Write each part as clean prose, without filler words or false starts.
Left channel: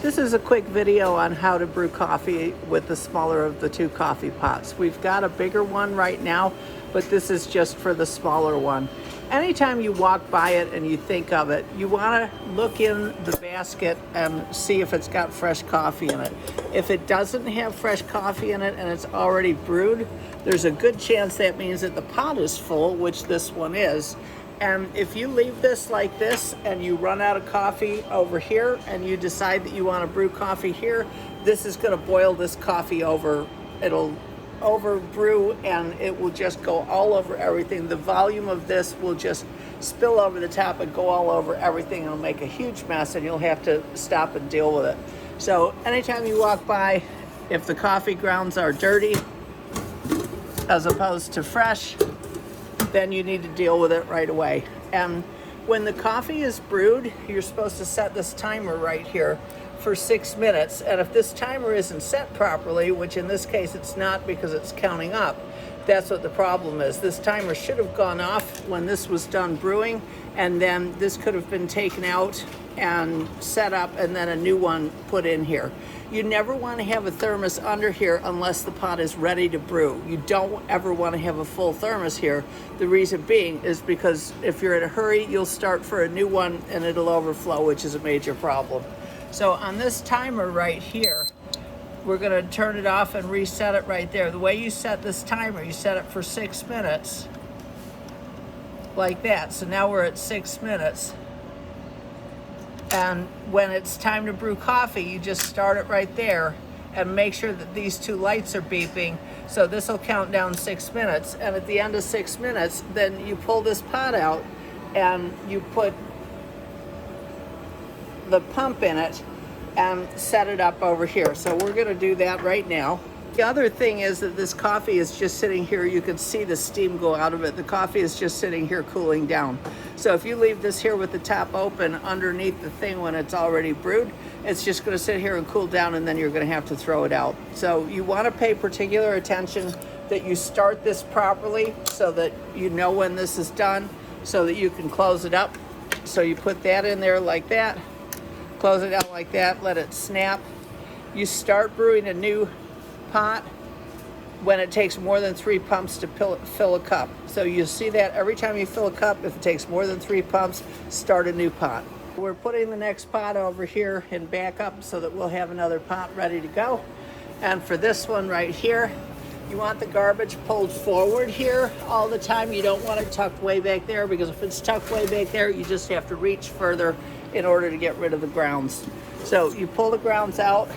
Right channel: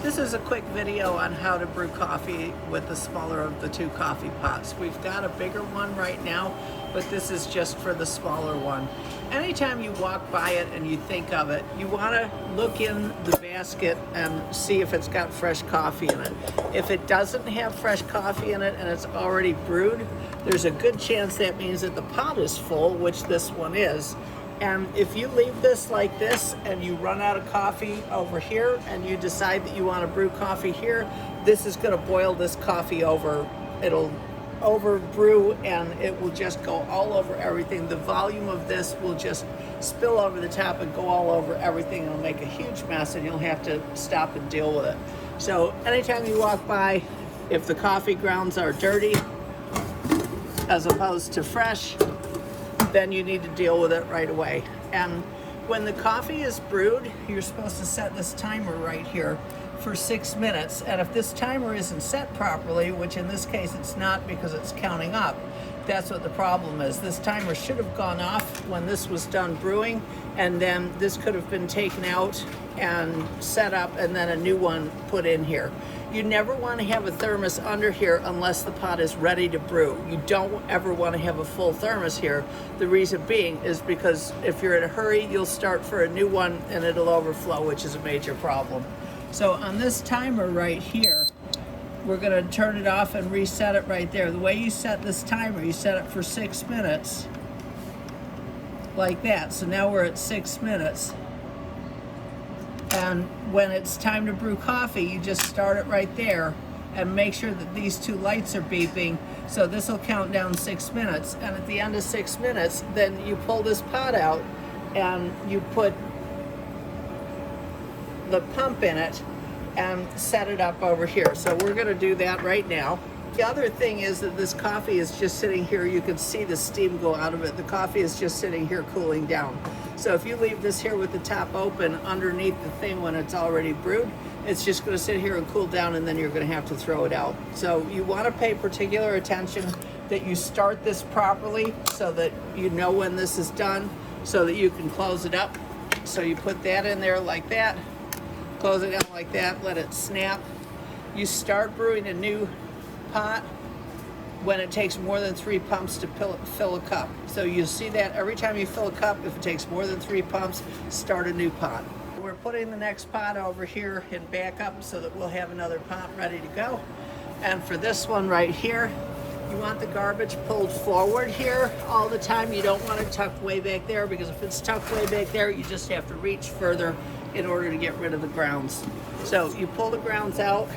This is a quick video on how to brew coffee with the smaller of the two coffee pots. We've got a bigger one right now, but this is just for the smaller one. Anytime you walk by it and you think of it, you want to look in the basket and see if it's got fresh coffee in it. If it doesn't have fresh coffee in it and it's already brewed, there's a good chance that means that the pot is full, which this one is. And if you leave this like this and you run out of coffee over here and you decide that you want to brew coffee here, this is going to boil this coffee over. It'll over brew and it will just go all over everything. The volume of this will just spill over the top and go all over everything. It'll make a huge mess and you'll have to stop and deal with it. So anytime you walk by, if the coffee grounds are dirty as opposed to fresh, then you need to deal with it right away. And when the coffee is brewed, you're supposed to set this timer right here for 6 minutes. And if this timer isn't set properly, which in this case it's not because it's counting up, that's what the problem is. This timer should have gone off when this was done brewing, and then this could have been taken out and set up and then a new one put in here. You never want to have a thermos under here unless the pot is ready to brew. You don't ever want to have a full thermos here. The reason being is because if you're in a hurry, you'll start for a new one and it'll overflow, which is a major problem. So on this timer right here, we're going to turn it off and reset it right there. The way you set this timer, you set it for 6 minutes like that. So now we're at 6 minutes. And when it's time to brew coffee, you just start it right there and make sure that these two lights are beeping. So this will count down 6 minutes. And at the end of 6 minutes, then you pull this pot out and you put the pump in it and set it up over here. So we're gonna do that right now. The other thing is that this coffee is just sitting here. You can see the steam go out of it. The coffee is just sitting here cooling down. So if you leave this here with the top open underneath the thing when it's already brewed, it's just gonna sit here and cool down and then you're gonna have to throw it out. So you wanna pay particular attention that you start this properly so that you know when this is done so that you can close it up. So you put that in there like that, close it out like that, let it snap. You start brewing a new pot when it takes more than 3 pumps to fill a cup. So you see that every time you fill a cup, if it takes more than 3 pumps, start a new pot. We're putting the next pot over here in backup so that we'll have another pot ready to go. And for this one right here, you want the garbage pulled forward here all the time. You don't want it tucked way back there, because if it's tucked way back there, you just have to reach further in order to get rid of the grounds. So you pull the grounds out,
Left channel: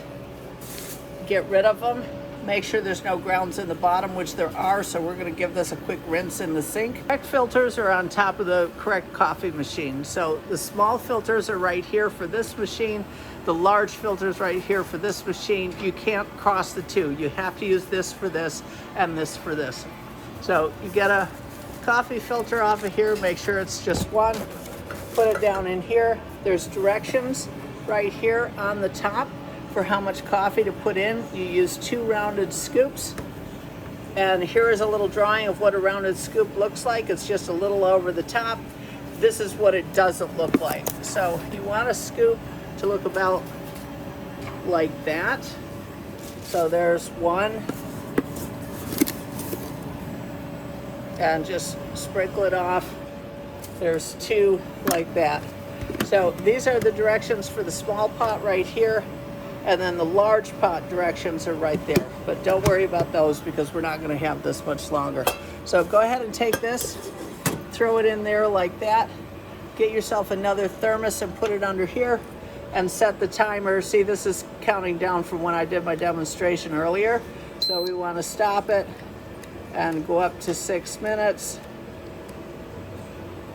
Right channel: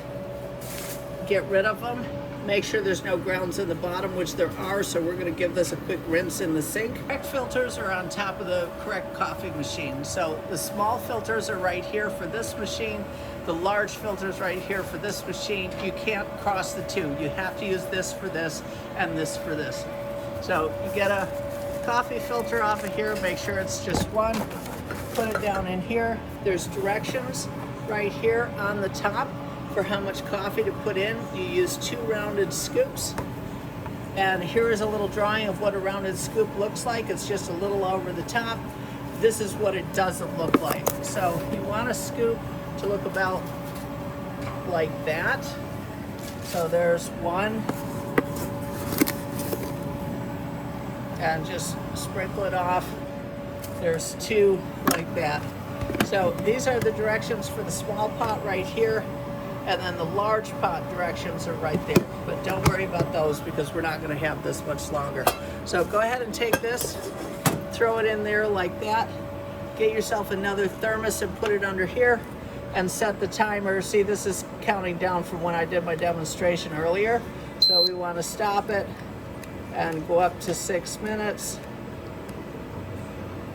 get rid of them. Make sure there's no grounds in the bottom, which there are, so we're going to give this a quick rinse in the sink. Correct filters are on top of the correct coffee machine. So the small filters are right here for this machine, the large filters right here for this machine. You can't cross the two. You have to use this for this and this for this. So you get a coffee filter off of here, make sure it's just one, put it down in here. There's directions right here on the top for how much coffee to put in. You use 2 rounded scoops. And here is a little drawing of what a rounded scoop looks like. It's just a little over the top. This is what it doesn't look like. So you want a scoop to look about like that. So there's one. And just sprinkle it off. There's 2 like that. So these are the directions for the small pot right here. And then the large pot directions are right there. But don't worry about those because we're not going to have this much longer. So go ahead and take this, throw it in there like that. Get yourself another thermos and put it under here and set the timer. See, this is counting down from when I did my demonstration earlier. So we want to stop it and go up to 6 minutes.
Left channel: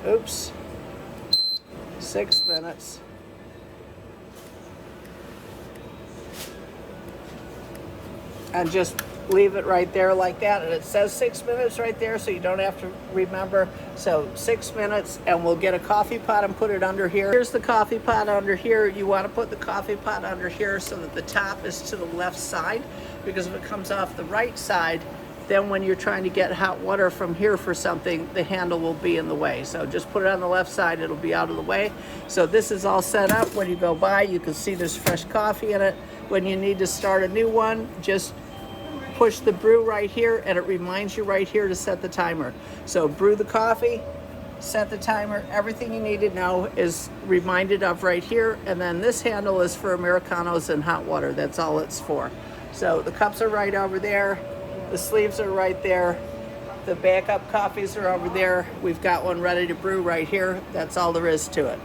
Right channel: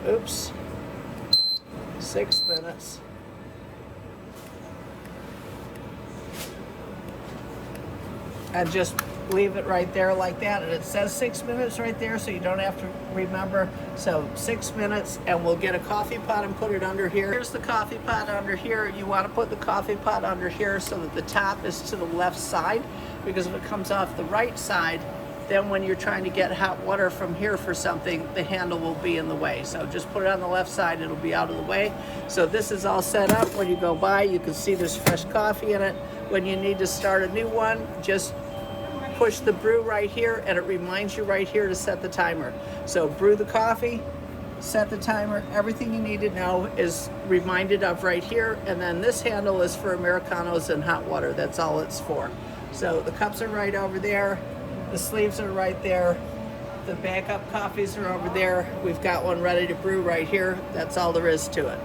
Oops. 6 minutes. And just leave it right there like that. And it says 6 minutes right there, so you don't have to remember. So 6 minutes, and we'll get a coffee pot and put it under here. Here's the coffee pot under here. You want to put the coffee pot under here so that the top is to the left side, because if it comes off the right side, then when you're trying to get hot water from here for something, the handle will be in the way. So just put it on the left side, it'll be out of the way. So this is all set up. When you go by, you can see there's fresh coffee in it. When you need to start a new one, just push the brew right here, and it reminds you right here to set the timer. So brew the coffee, set the timer, everything you need to know is reminded of right here, and then this handle is for Americanos and hot water. That's all it's for. So the cups are right over there, the sleeves are right there, the backup coffees are over there. We've got one ready to brew right here. That's all there is to it.